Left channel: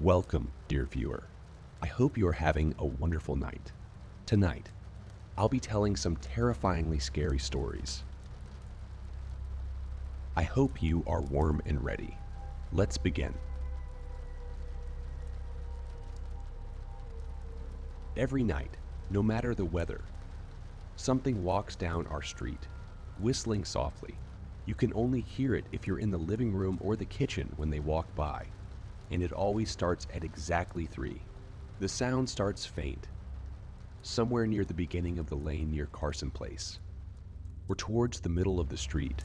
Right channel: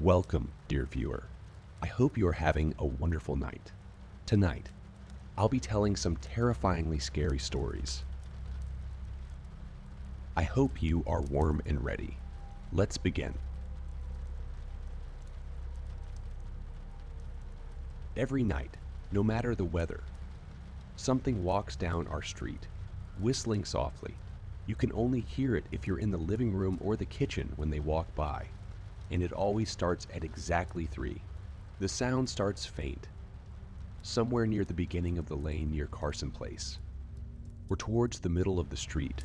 Welcome, dear viewer. I hope you are having a wonderful night. Tonight, I'll be telling some terrifyingly scary stories. I hope you are warm and ready. Let's begin. Every night, no matter the weather, something walks down our street, whistling softly. You can only hear it if you're in the living room or the kitchen when they walk by. And it always starts at exactly 3. The sound starts faint, somewhere near the beginning of the lane near Carson Place. We're towards the middle of the street,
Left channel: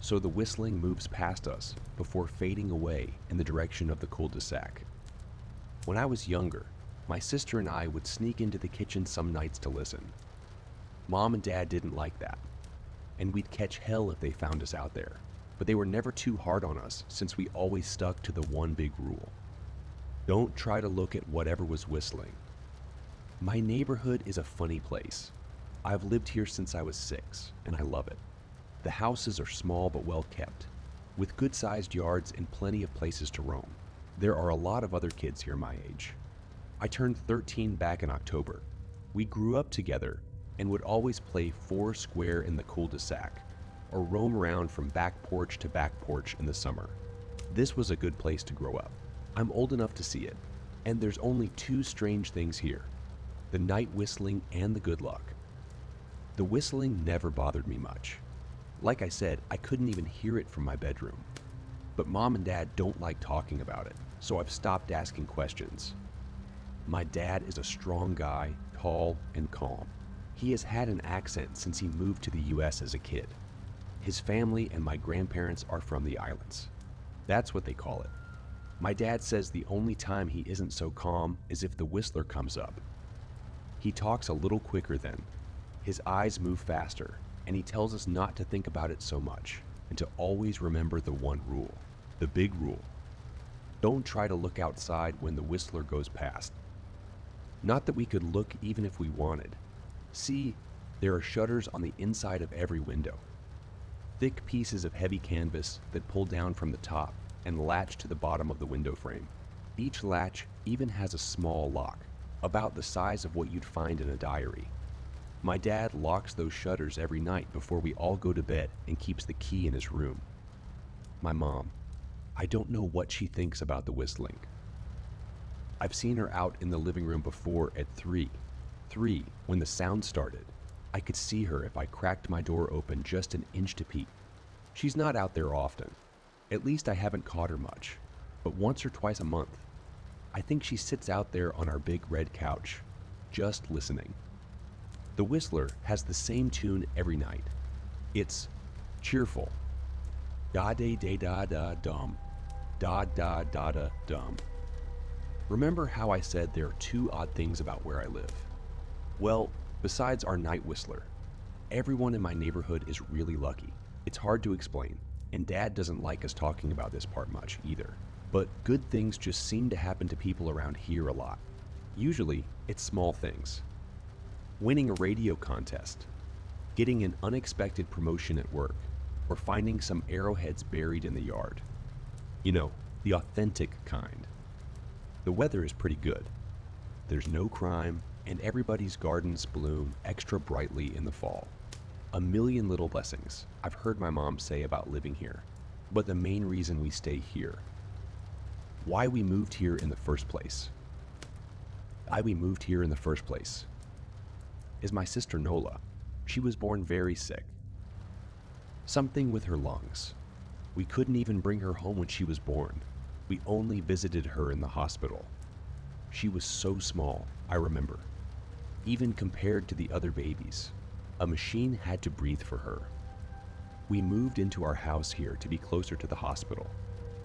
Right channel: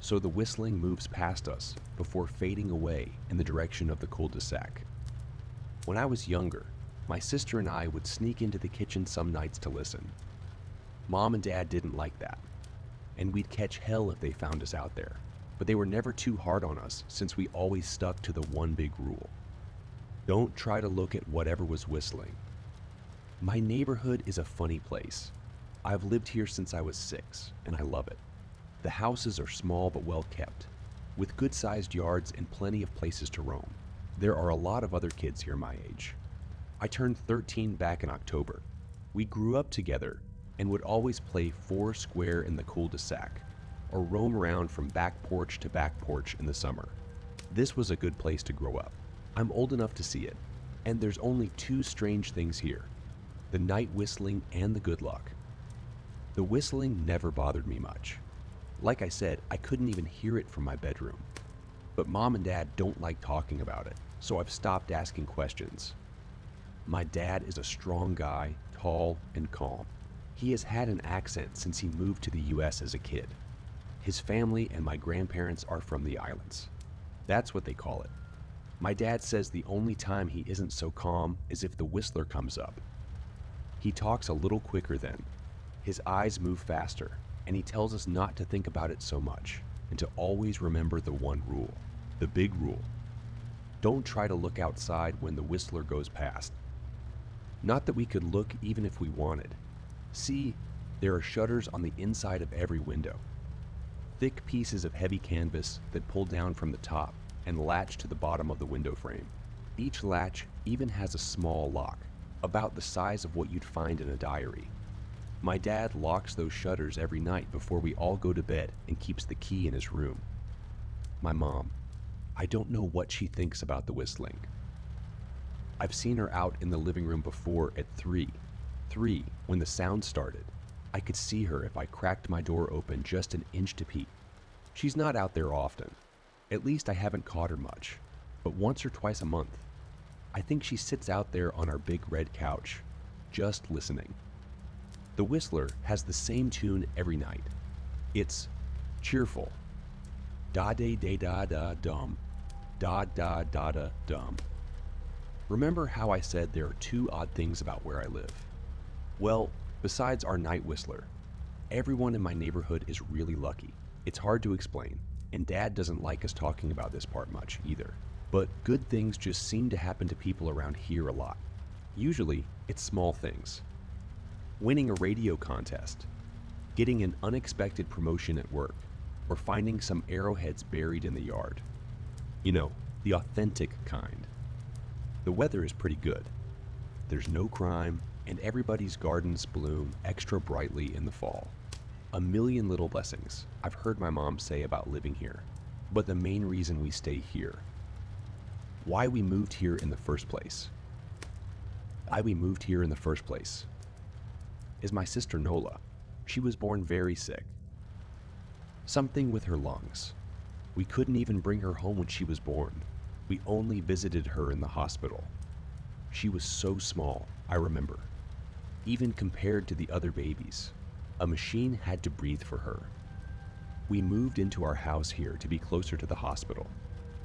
so the whistling moves past us before fading away in the direction of the cul-de-sac. When I was younger, my sister and I would sneak into the kitchen some nights to listen. Mom and Dad didn't like that, and we'd catch hell if they found us out there. But they were never too hard on us since we always stuck to the one big rule. Don't try to look at whatever was whistling. My neighborhood is a funny place. I've lived here since I was 6, and I love it. The houses are small but well kept, with good-sized yards and plenty of places to roam. There are a lot of other kids here my age. I turned 13 back in October. We grew up together and would always play 4 square in the cul-de-sac, or roam around from back porch to back porch in the summer. This was a good place to grow up. I'm old enough to see it, and there's only 2 strange things here: the night whistling and the good luck. The whistling never bothered me much. Like I said, I couldn't even hear it from my bedroom. But Mom and Dad don't like talking about it, so I've stopped asking questions. My dad is a strong guy, tall and calm. He has had an accent since he moved to the US as a kid. His family and my grandparents are from the islands. That's what they call it. My dad says the only time he isn't so calm is if the whistler comes up. He talks a little quicker then. His eyes move faster, and he tells us not to think about it so much and to always remember the one rule, the big rule. Don't try to look outside when the whistler goes past. Not that we could look even if we wanted. See, there are shutters on the inside of every window. Thick pieces of heavy canvas that pull down from the top and latch to the bottom of the window frame. Each latch even has a small lock, about the size of what you'd find in a diary. My dad locks those shutters every night before we all go to bed and keeps the key in his room. My mom, I don't know what she thinks about the whistling. I've seen her out in the living room before at 3 when the sound started. I could see her if I cracked my door open just an inch to peek. She's not out there often. At least I haven't caught her much, but once or twice a month. I think she sits out there on our big red couch, just listening. The whistler has the same tune every night. It's cheerful. Da-da-da-da-da-dum. Da-da-da-da-dum. Remember how I said there are 2 odd things about where I live? Well, besides our night whistler, everyone in my neighborhood is really lucky. It's hard to explain, and Dad doesn't like us talking about this part much either. But good things just seem to happen to people around here a lot. Usually, it's small things. Winning a radio contest, getting an unexpected promotion at work, or finding some arrowheads buried in the yard. You know, the authentic kind. The weather is pretty good. There's no crime, and everybody's gardens bloom extra brightly in the fall. A million little blessings I've heard my mom say about living here, but the main reason we stay here, why we moved here in the first place, is my sister Nola. She was born very sick. Something with her lungs. We couldn't even bring her home when she was born. We only visited her in the hospital. She was so small, I remember. Even compared to the other babies, a machine had to breathe for her. We moved into our house here to be closer to the hospital.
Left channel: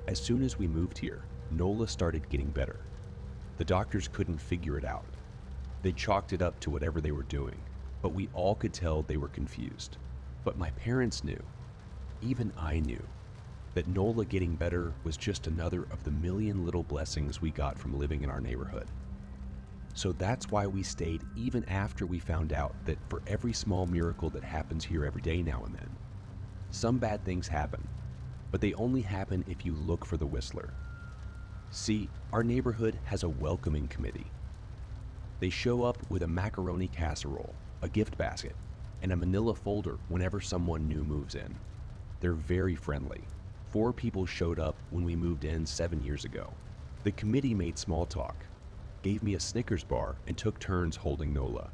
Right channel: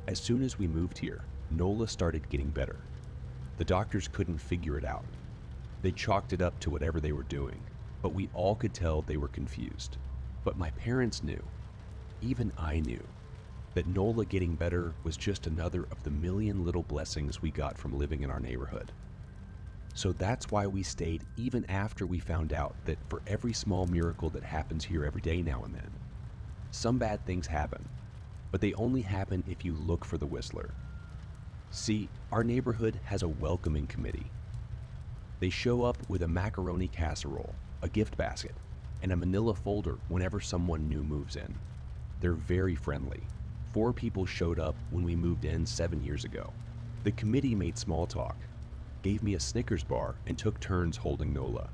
As soon as we moved here, Nola started getting better. The doctors couldn't figure it out. They chalked it up to whatever they were doing, but we all could tell they were confused. But my parents knew, even I knew, that Nola getting better was just another of the million little blessings we got from living in our neighborhood. So that's why we stayed even after we found out that for every small miracle that happens here every day now and then, some bad things happen, but they only happen if you look for the whistler. See, our neighborhood has a welcoming committee. They show up with a macaroni casserole, a gift basket, and a manila folder whenever someone new moves in. They're very friendly. 4 people showed up when we moved in 7 years ago. The committee made small talk, gave me a Snickers bar, and took turns holding Nola.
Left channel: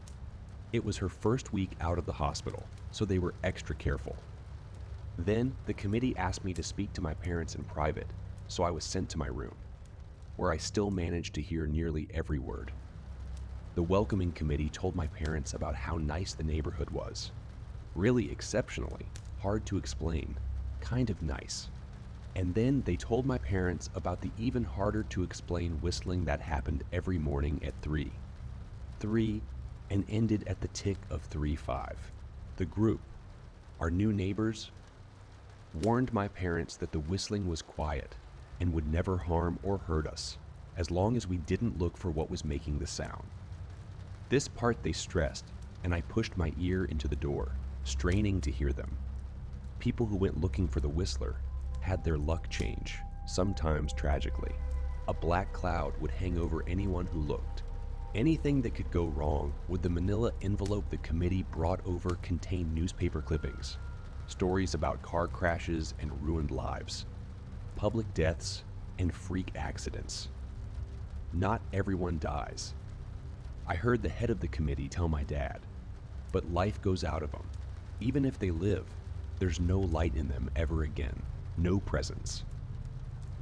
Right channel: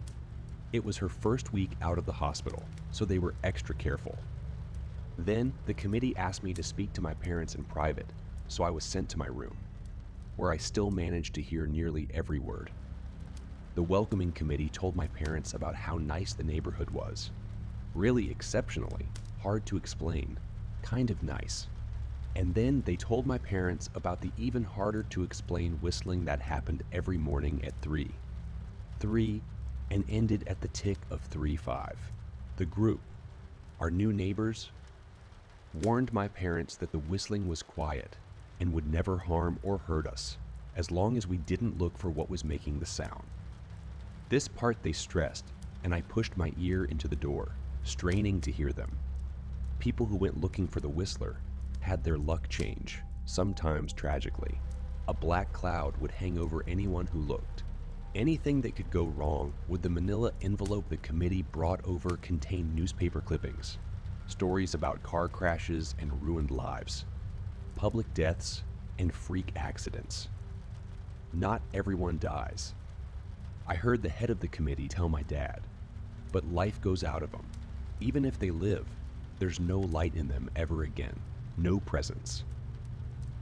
It was her first week out of the hospital, so they were extra careful. Then the committee asked me to speak to my parents in private, so I was sent to my room, where I still managed to hear nearly every word. The welcoming committee told my parents about how nice the neighborhood was. Really exceptionally, hard to explain, kind of nice. And then they told my parents about the even harder to explain whistling that happened every morning at 3. 3 and ended at the tick of 3:5. The group, our new neighbors, warned my parents that the whistling was quiet and would never harm or hurt us, as long as we didn't look for what was making the sound. This part they stressed, and I pushed my ear into the door, straining to hear them. People who went looking for the whistler had their luck change, sometimes tragically. A black cloud would hang over anyone who looked. Anything that could go wrong would the manila envelope the committee brought over contain newspaper clippings, stories about car crashes and ruined lives, public deaths, and freak accidents. Not everyone dies. I heard the head of the committee tell my dad, but life goes out of them. Even if they live, there's no light in them ever again, no presence.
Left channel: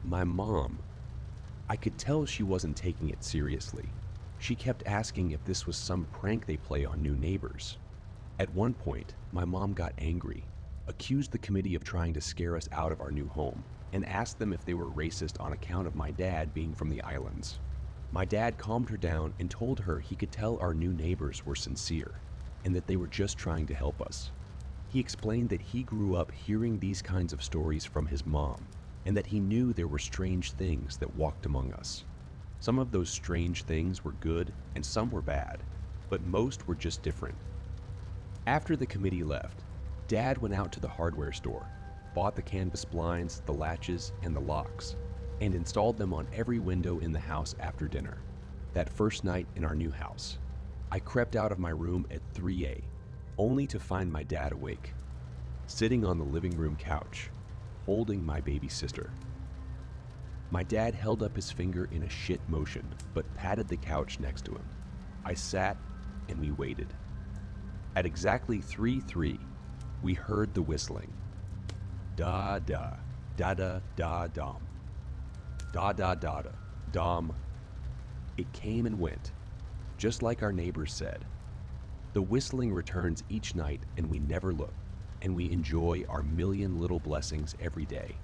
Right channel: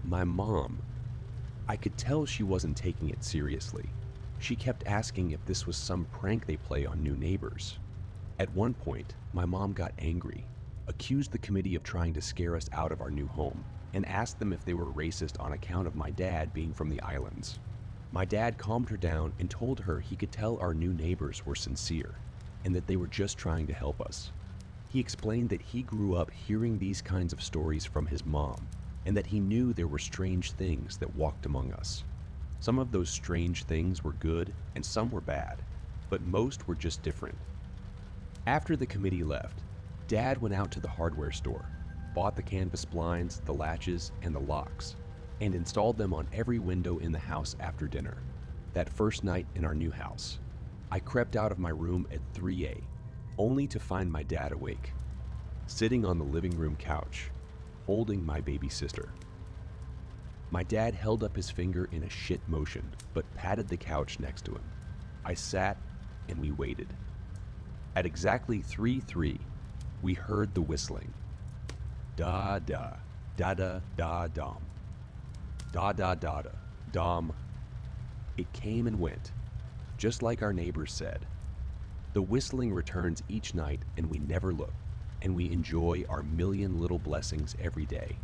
My mom, I could tell she wasn't taking it seriously. She kept asking if this was some prank they play on new neighbors. At one point, my mom got angry, accused the committee of trying to scare us out of our new home, and asked them if they were racist on account of my dad being from the islands. My dad calmed her down and told her he could tell our new neighbors were sincere, and that they were just trying to help us. He explained that he grew up hearing these kinds of stories from his mom, and that he knew there were strange things that walked among us. Some of those strange things were good and some were bad, but most were just different. After the committee left, Dad went out to the hardware store, bought the canvas blinds, the latches, and the locks, and installed them on every window in the house after dinner. That first night in our new house, I crept out of my room at 3 a.m., only to find my dad awake, sitting on the living room couch, holding my baby sister. My dad held up his finger in a shit motion, but patted the couch next to him. I sat and we waited. At exactly 3:03, we heard the whistling. Da da, da da da dom. Da da da da, dom. It came and went, just like our neighbors said. The whistling returns each night and we never look, and we enjoy our million little blessings every day.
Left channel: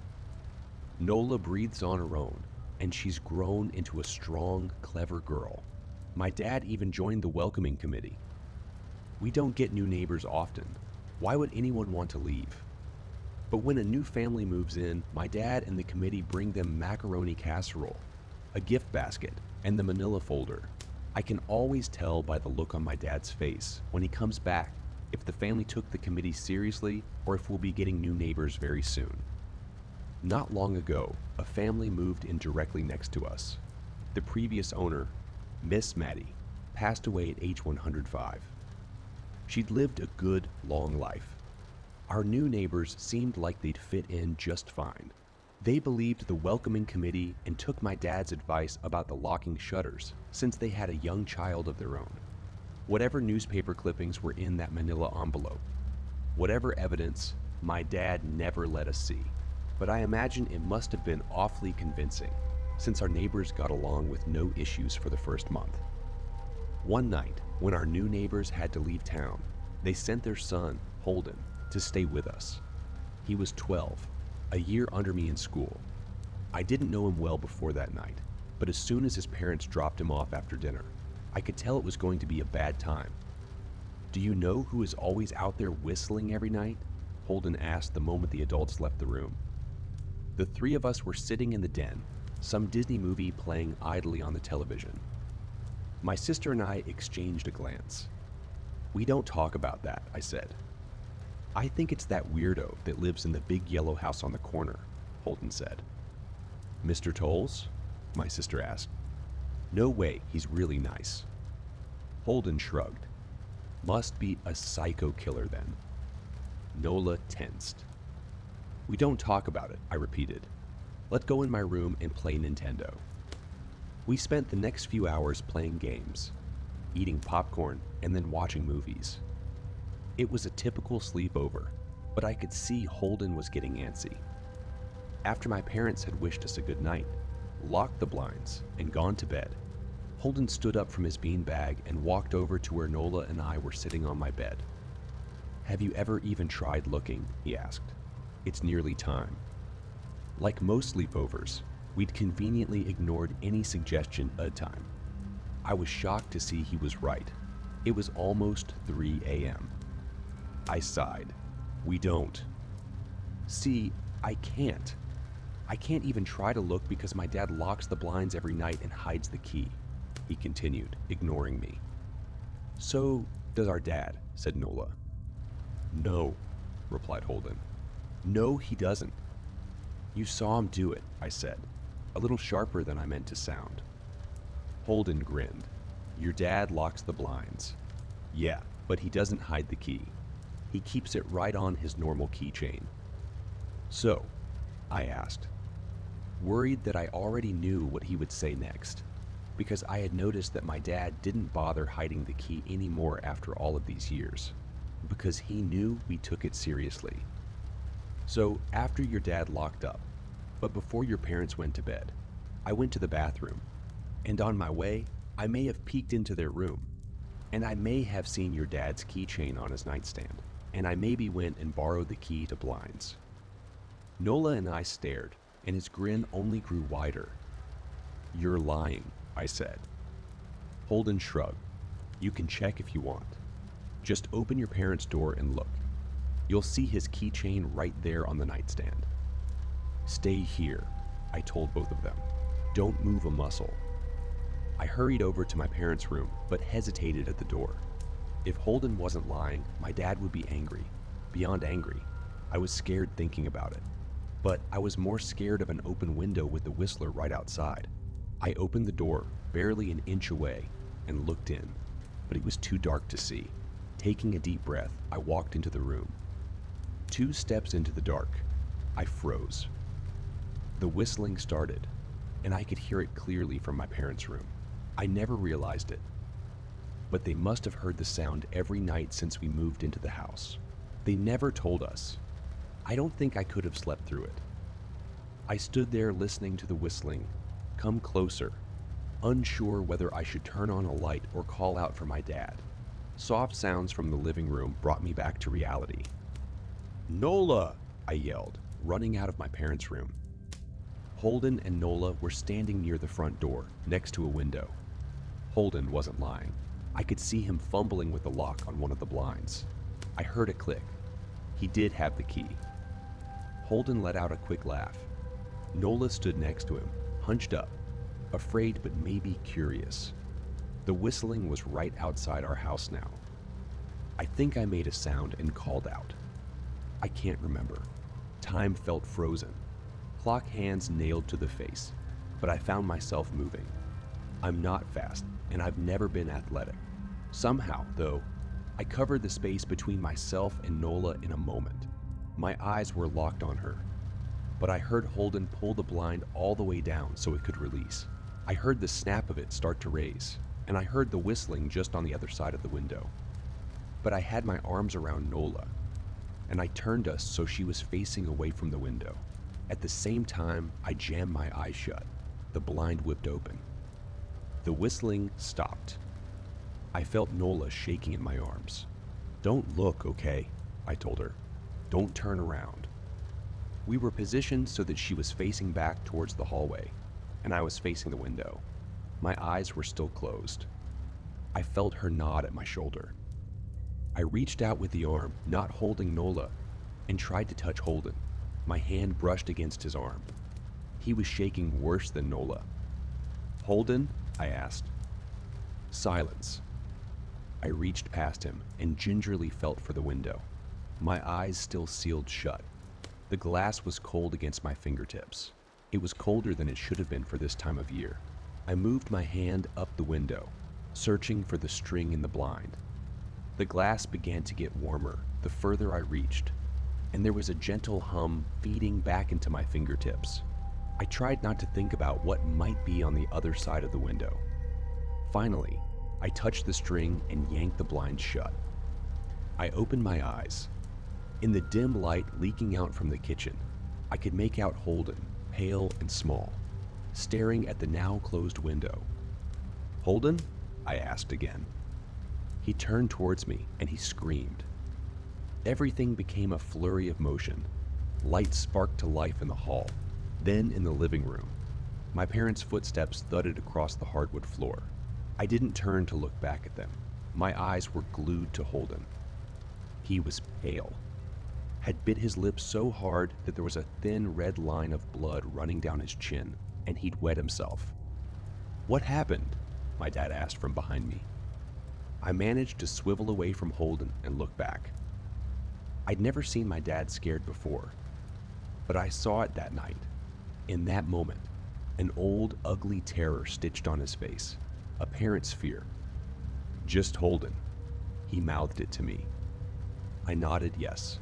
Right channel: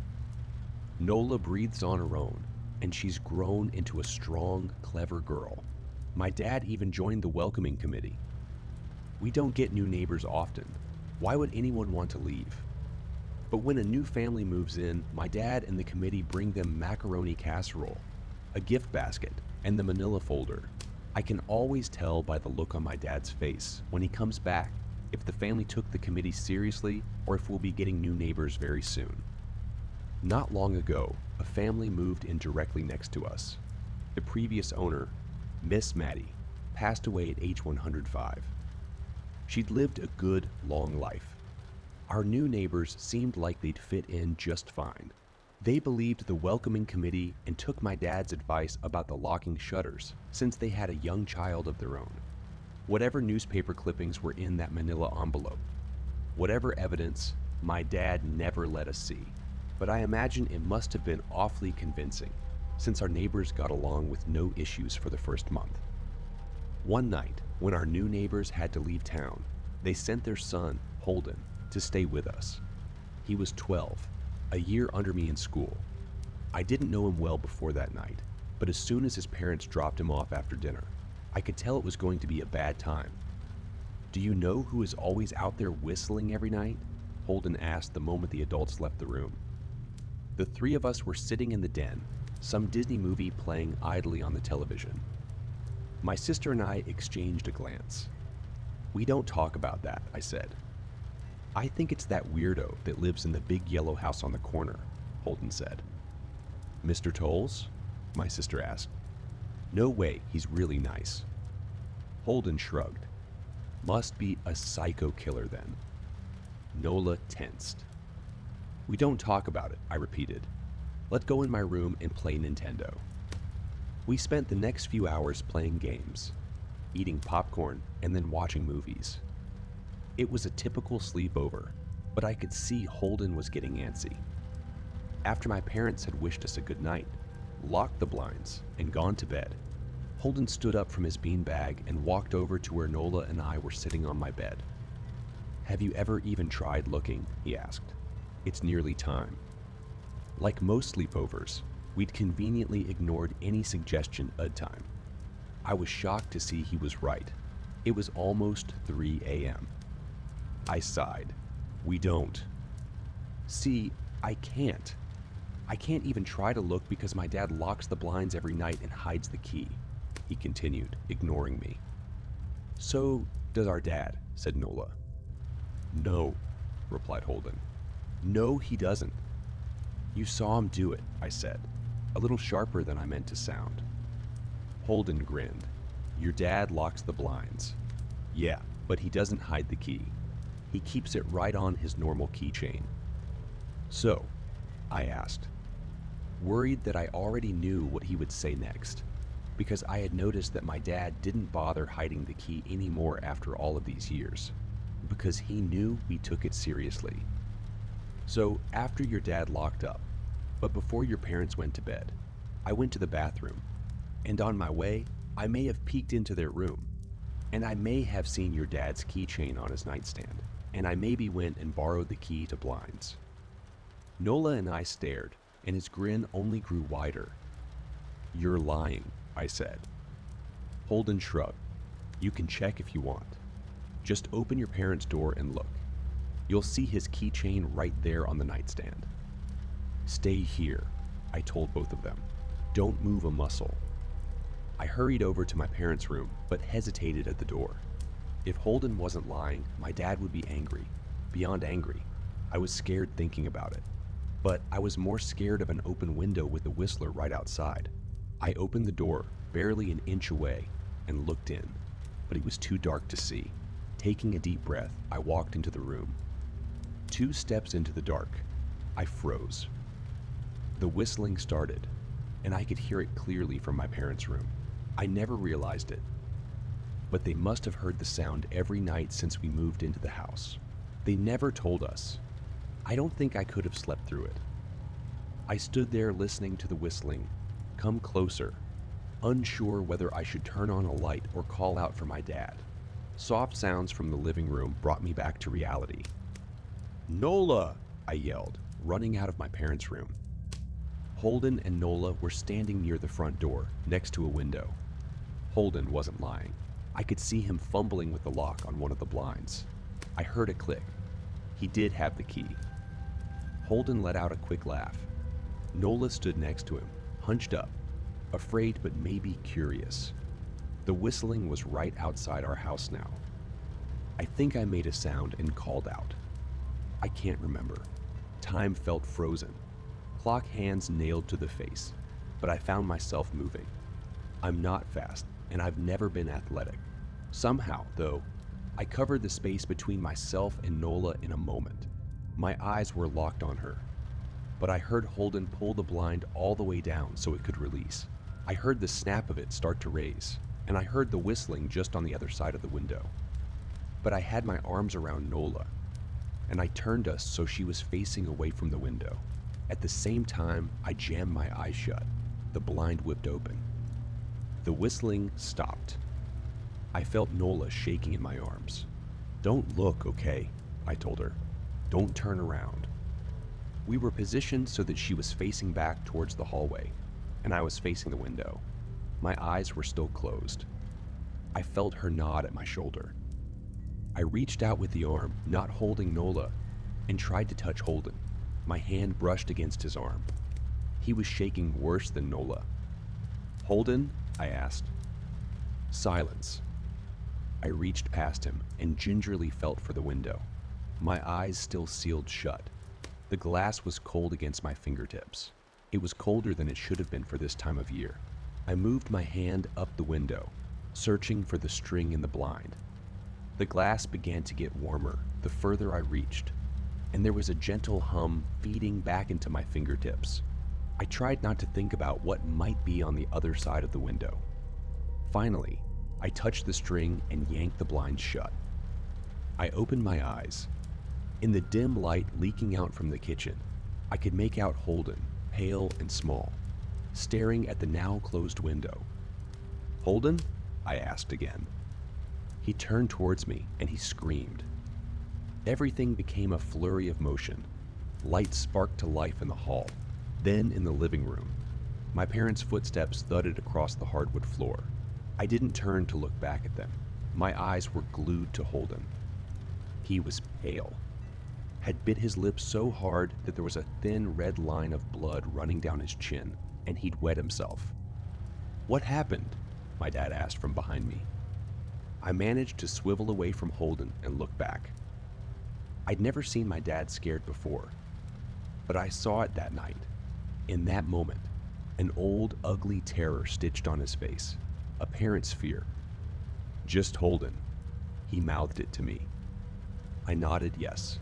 Nola breathes on her own, and she's grown into a strong, clever girl. My dad even joined the welcoming committee. We don't get new neighbors often. Why would anyone want to leave? But when a new family moves in, my dad and the committee bring them macaroni casserole, a gift basket, and the manila folder. I can always tell by the look on my dad's face when he comes back if the family took the committee seriously or if we'll be getting new neighbors very soon. Not long ago, a family moved in directly next to us. The previous owner, Miss Maddie, passed away at age 105. She'd lived a good, long life. Our new neighbors seemed like they'd fit in just fine. They believed the welcoming committee and took my dad's advice about the locking shutters, since they had a young child of their own. Whatever newspaper clippings were in that manila envelope, whatever evidence, my dad never let us see. But I imagine it must have been awfully convincing, since our neighbors got along with no issues for the first month. One night, when our new neighbors had to leave town, they sent their son, Holden, to stay with us. He was 12, a year under me in school. I didn't know him well before that night, but as soon as his parents dropped him off after dinner, I could tell it was going to be a bad time. "Do you know who is always out there whistling every night?" Holden asked the moment the adults left the room. The 3 of us were sitting in the den, some Disney movie playing idly on the television. My sister and I exchanged a glance. "We don't talk about that," I said. "I think it's that weirdo that lives in the big yellow house on the corner," Holden said. "Mr. Tolles?" my sister asked. No way, he's really nice. Holden shrugged. Must be a psycho killer then. Nola tensed. We don't talk about it, I repeated. Let's go in my room and play Nintendo. We spent the next few hours playing games, eating popcorn, and then watching movies. It was a typical sleepover, but I could see Holden was getting antsy. After my parents had wished us a good night, locked the blinds, and gone to bed, Holden stood up from his beanbag and walked over to where Nola and I were sitting on my bed. Have you ever even tried looking? He asked. It's nearly time. Like most sleepovers, we'd conveniently ignored any suggestion at time. I was shocked to see he was right. It was almost 3 a.m. I sighed. We don't. See, I can't. I can't even try to look because my dad locks the blinds every night and hides the key, he continued, ignoring me. So does our dad, said Nola. No, replied Holden. No, he doesn't. You saw him do it, I said, a little sharper than I meant to sound. Holden grinned. Your dad locks the blinds. Yeah, but he doesn't hide the key. He keeps it right on his normal keychain. So, I asked, worried that I already knew what he would say next, because I had noticed that my dad didn't bother hiding the key anymore after all of these years, because he knew we took it seriously. So, after your dad locked up, but before your parents went to bed, I went to the bathroom, and on my way, I may have peeked into their room, and I may have seen your dad's keychain on his nightstand, and I maybe went and borrowed the key to blinds. Nola and I stared, and his grin only grew wider. You're lying, I said. Holden shrugged. You can check if you want. Just open your parents' door and look. You'll see his keychain right there on the nightstand. Stay here, I told both of them. Don't move a muscle. I hurried over to my parents' room, but hesitated at the door. If Holden wasn't lying, my dad would be angry. Beyond angry. I was scared thinking about it. But I was more scared of an open window with the whistler right outside. I opened the door, barely an inch away, and looked in, but it was too dark to see. Taking a deep breath, I walked into the room. 2 steps into the dark, I froze. The whistling started, and I could hear it clearly from my parents' room. I never realized it, but they must have heard the sound every night since we moved into the house. They never told us. I don't think I could have slept through it. I stood there listening to the whistling come closer, unsure whether I should turn on a light or call out for my dad. Soft sounds from the living room brought me back to reality. Nola, I yelled, running out of my parents' room. Holden and Nola were standing near the front door, next to a window. Holden wasn't lying. I could see him fumbling with the lock on one of the blinds. I heard it click. He did have the key. Holden let out a quick laugh. Nola stood next to him, hunched up, afraid but maybe curious. The whistling was right outside our house now. I think I made a sound and called out. I can't remember. Time felt frozen. Clock hands nailed to the face, but I found myself moving. I'm not fast, and I've never been athletic. Somehow, though, I covered the space between myself and Nola in a moment. My eyes were locked on her, but I heard Holden pull the blind all the way down so it could release. I heard the snap of it start to raise, and I heard the whistling just on the other side of the window. But I had my arms around Nola, and I turned us so she was facing away from the window. At the same time, I jammed my eyes shut. The blind whipped open. The whistling stopped. I felt Nola shaking in my arms. Don't look, okay? I told her. Don't turn around. We were positioned so that she was facing back towards the hallway, and I was facing the window. My eyes were still closed. I felt her nod at my shoulder. I reached out with the arm, not holding Nola, and tried to touch Holden. My hand brushed against his arm. He was shaking worse than Nola. Holden? I asked. Silence. I reached past him and gingerly felt for the window. My eyes still sealed shut. The glass was cold against my fingertips. It was colder than it should have been for this time of year. I moved my hand up the window, searching for the string in the blind. The glass began to get warmer the further I reached, and there was a gentle hum feeding back into my fingertips. I tried not to think about what might be on the other side of the window. Finally, I touched the string and yanked the blinds shut. I opened my eyes. In the dim light leaking out from the kitchen, I could make out Holden, pale and small, staring at the now closed window. "Holden?" I asked again. He turned towards me and he screamed. Everything became a flurry of motion. Lights sparked to life in the hall, then in the living room. My parents' footsteps thudded across the hardwood floor. I didn't turn to look back at them. My eyes were glued to Holden. He was pale, had bit his lips so hard that there was a thin red line of blood running down his chin, and he'd wet himself. "What happened?" my dad asked from behind me. I managed to swivel away from Holden and look back. I'd never seen my dad scared before, but I saw it that night. In that moment, an old, ugly terror stitched on his face, a parent's fear. "Just Holden," he mouthed it to me. I nodded yes.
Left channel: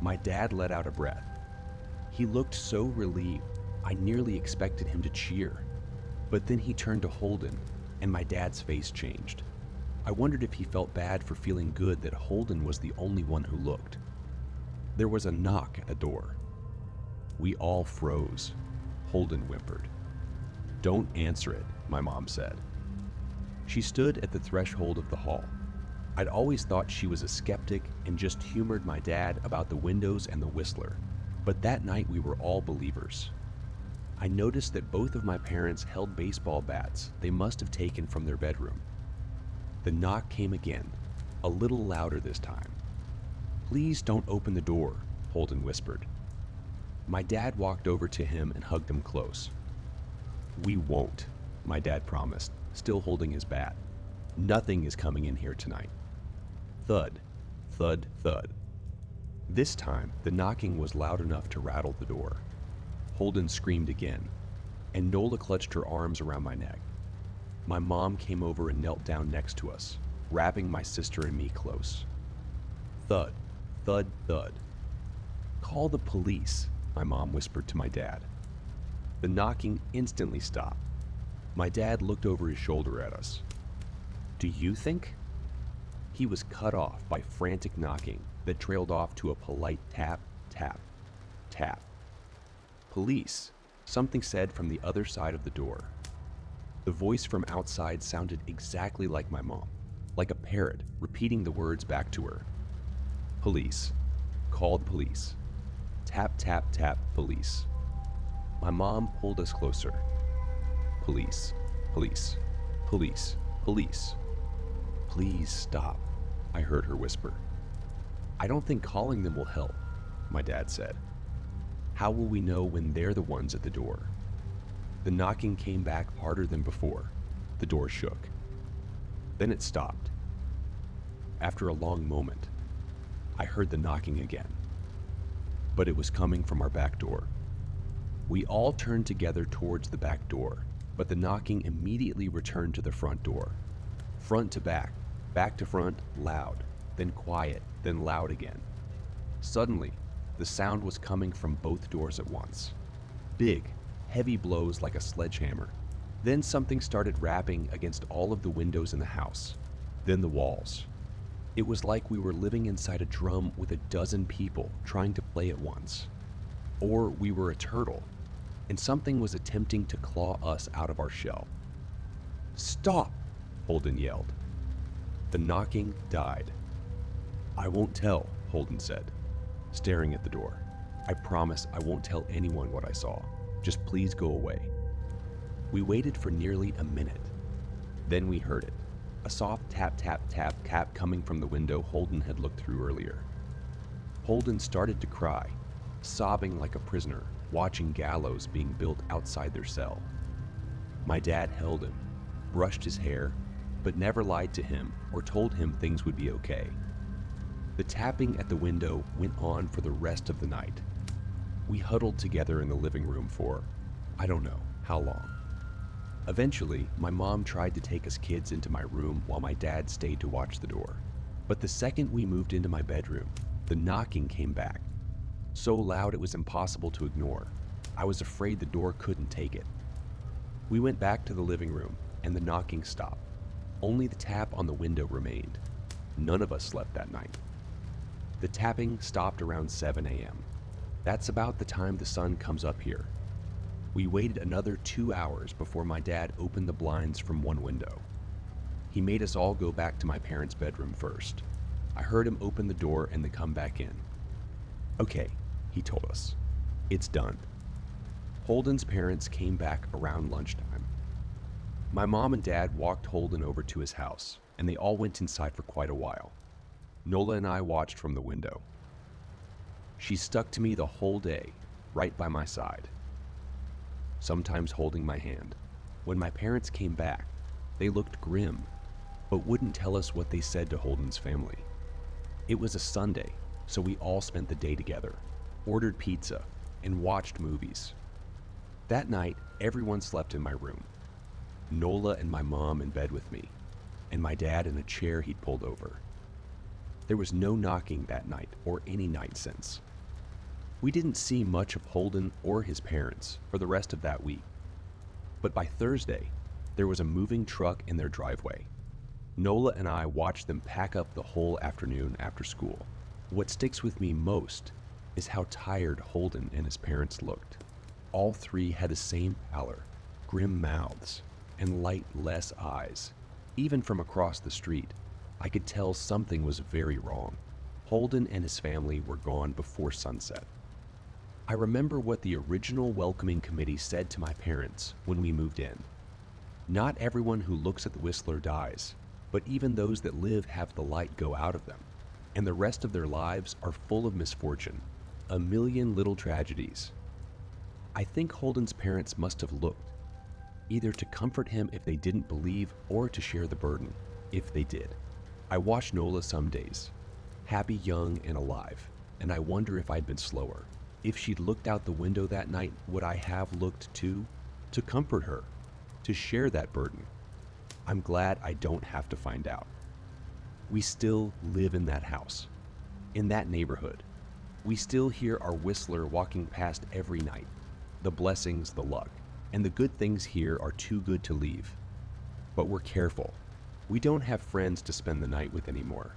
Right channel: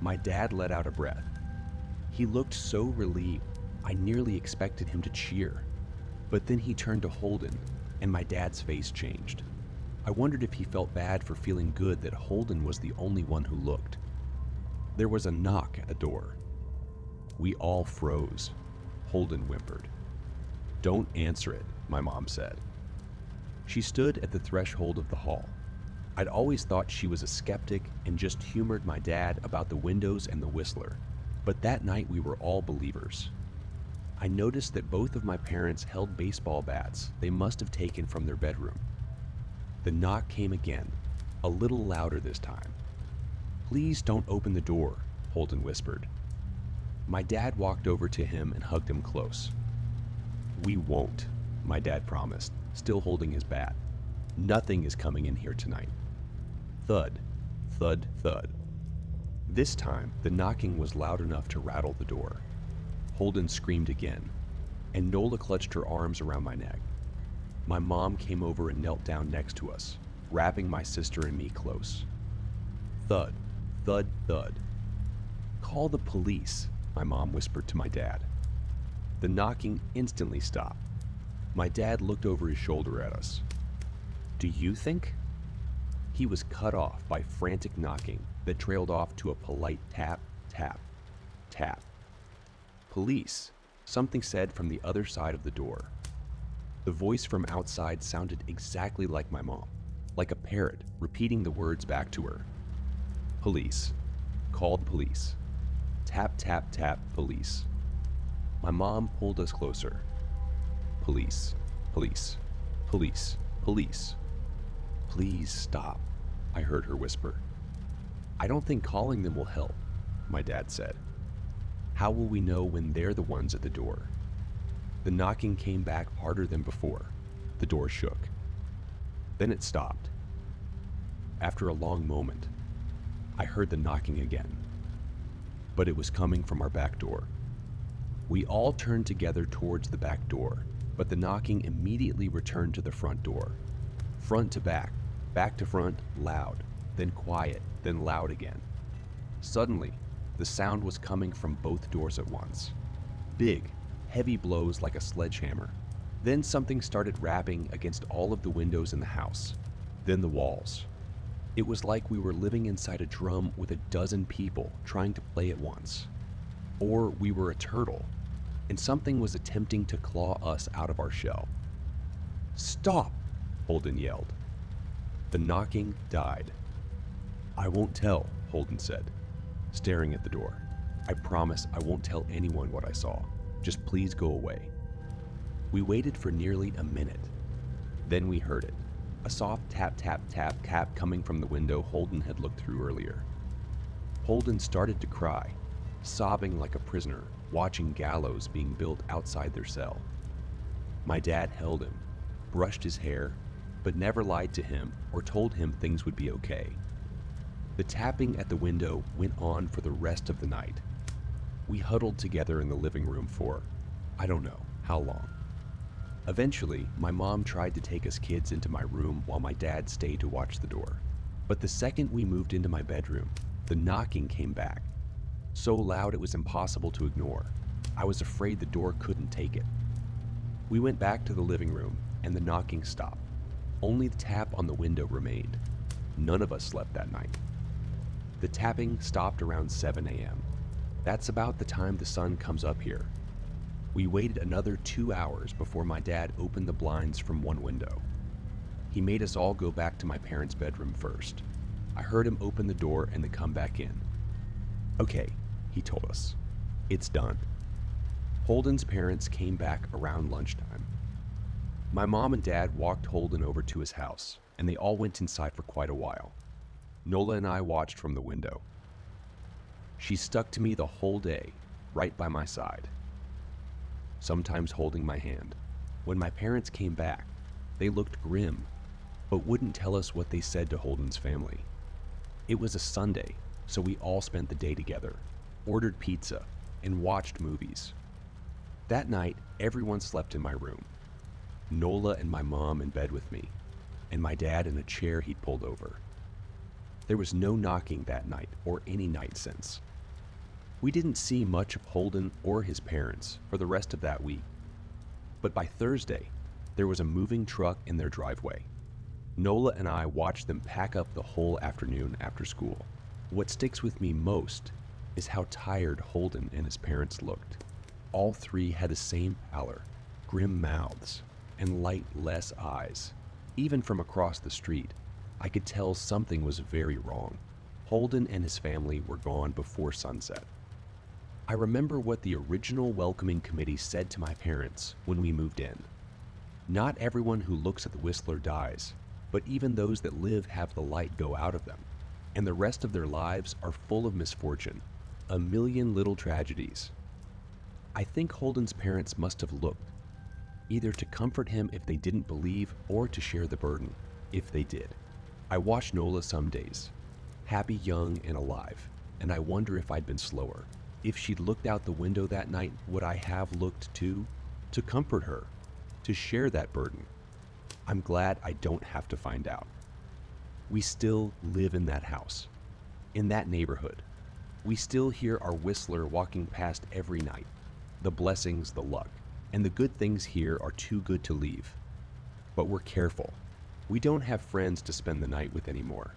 My dad let out a breath. He looked so relieved, I nearly expected him to cheer. But then he turned to Holden, and my dad's face changed. I wondered if he felt bad for feeling good that Holden was the only one who looked. There was a knock at the door. We all froze. Holden whimpered. "Don't answer it," my mom said. She stood at the threshold of the hall. I'd always thought she was a skeptic and just humored my dad about the windows and the whistler, but that night we were all believers. I noticed that both of my parents held baseball bats they must have taken from their bedroom. The knock came again, a little louder this time. "Please don't open the door," Holden whispered. My dad walked over to him and hugged him close. "We won't," my dad promised, still holding his bat. "Nothing is coming in here tonight." Thud, thud, thud. This time, the knocking was loud enough to rattle the door. Holden screamed again, and Nola clutched her arms around my neck. My mom came over and knelt down next to us, wrapping my sister and me close. Thud, thud, thud. "Call the police," my mom whispered to my dad. The knocking instantly stopped. My dad looked over his shoulder at us. "Do you think?" He was cut off by frantic knocking that trailed off to a polite tap, tap, tap. "Police," something said from the other side of the door. The voice from outside sounded exactly like my mom, like a parrot repeating the words back to her. "Police. Call the police. Tap, tap, tap, police." My mom pulled us closer. "Police, police, police, police." "Please stop," I heard her whisper. "I don't think calling them will help," my dad said. "How will we know when they're the ones at the door?" The knocking came back harder than before. The door shook. Then it stopped. After a long moment, I heard the knocking again. But it was coming from our back door. We all turned together towards the back door, but the knocking immediately returned to the front door. Front to back to front, loud, then quiet, then loud again. Suddenly, the sound was coming from both doors at once. Big, heavy blows like a sledgehammer. Then something started rapping against all of the windows in the house. Then the walls. It was like we were living inside a drum with a dozen people trying to play at once. Or we were a turtle, and something was attempting to claw us out of our shell. "Stop!" Holden yelled. The knocking died. "I won't tell," Holden said, staring at the door. "I promise I won't tell anyone what I saw. Just please go away." We waited for nearly a minute. Then we heard it. A soft tap, tap, tap, tap coming from the window Holden had looked through earlier. Holden started to cry, sobbing like a prisoner, watching gallows being built outside their cell. My dad held him, brushed his hair, but never lied to him or told him things would be okay. The tapping at the window went on for the rest of the night. We huddled together in the living room for, I don't know how long. Eventually, my mom tried to take us kids into my room while my dad stayed to watch the door. But the second we moved into my bedroom, the knocking came back. So loud it was impossible to ignore. I was afraid the door couldn't take it. We went back to the living room, and the knocking stopped. Only the tap on the window remained. None of us slept that night. The tapping stopped around 7 a.m. That's about the time the sun comes up here. We waited another 2 hours before my dad opened the blinds from one window. He made us all go back to my parents' bedroom first. I heard him open the door and then come back in. Okay, he told us. It's done. Holden's parents came back around lunchtime. My mom and dad walked Holden over to his house, and they all went inside for quite a while. Nola and I watched from the window. She stuck to me the whole day, right by my side, sometimes holding my hand. When my parents came back, they looked grim, but wouldn't tell us what they said to Holden's family. It was a Sunday, so we all spent the day together, ordered pizza, and watched movies. That night, everyone slept in my room. Nola and my mom in bed with me, and my dad in a chair he'd pulled over. There was no knocking that night or any night since. We didn't see much of Holden or his parents for the rest of that week. But by Thursday, there was a moving truck in their driveway. Nola and I watched them pack up the whole afternoon after school. What sticks with me most is how tired Holden and his parents looked. All three had the same pallor, grim mouths, and lightless eyes. Even from across the street, I could tell something was very wrong. Holden and his family were gone before sunset. I remember what the original welcoming committee said to my parents when we moved in. Not everyone who looks at the Whistler dies, but even those that live have the light go out of them, and the rest of their lives are full of misfortune, a million little tragedies. I think Holden's parents must have looked, either to comfort him if they didn't believe or to share the burden, if they did. I watch Nola some days, happy, young, and alive, and I wonder if I'd been slower. If she'd looked out the window that night, would I have looked too? To comfort her, to share that burden. I'm glad I don't have to find out. We still live in that house, in that neighborhood. We still hear our Whistler walking past every night. The blessings, the luck, and the good things here are too good to leave. But we're careful. We don't have friends to spend the night with anymore.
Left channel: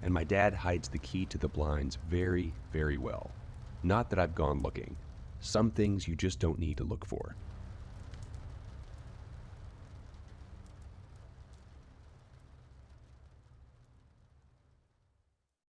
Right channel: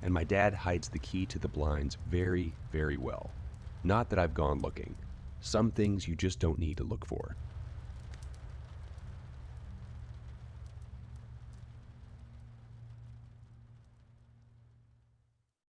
And my dad hides the key to the blinds very, very well. Not that I've gone looking. Some things you just don't need to look for.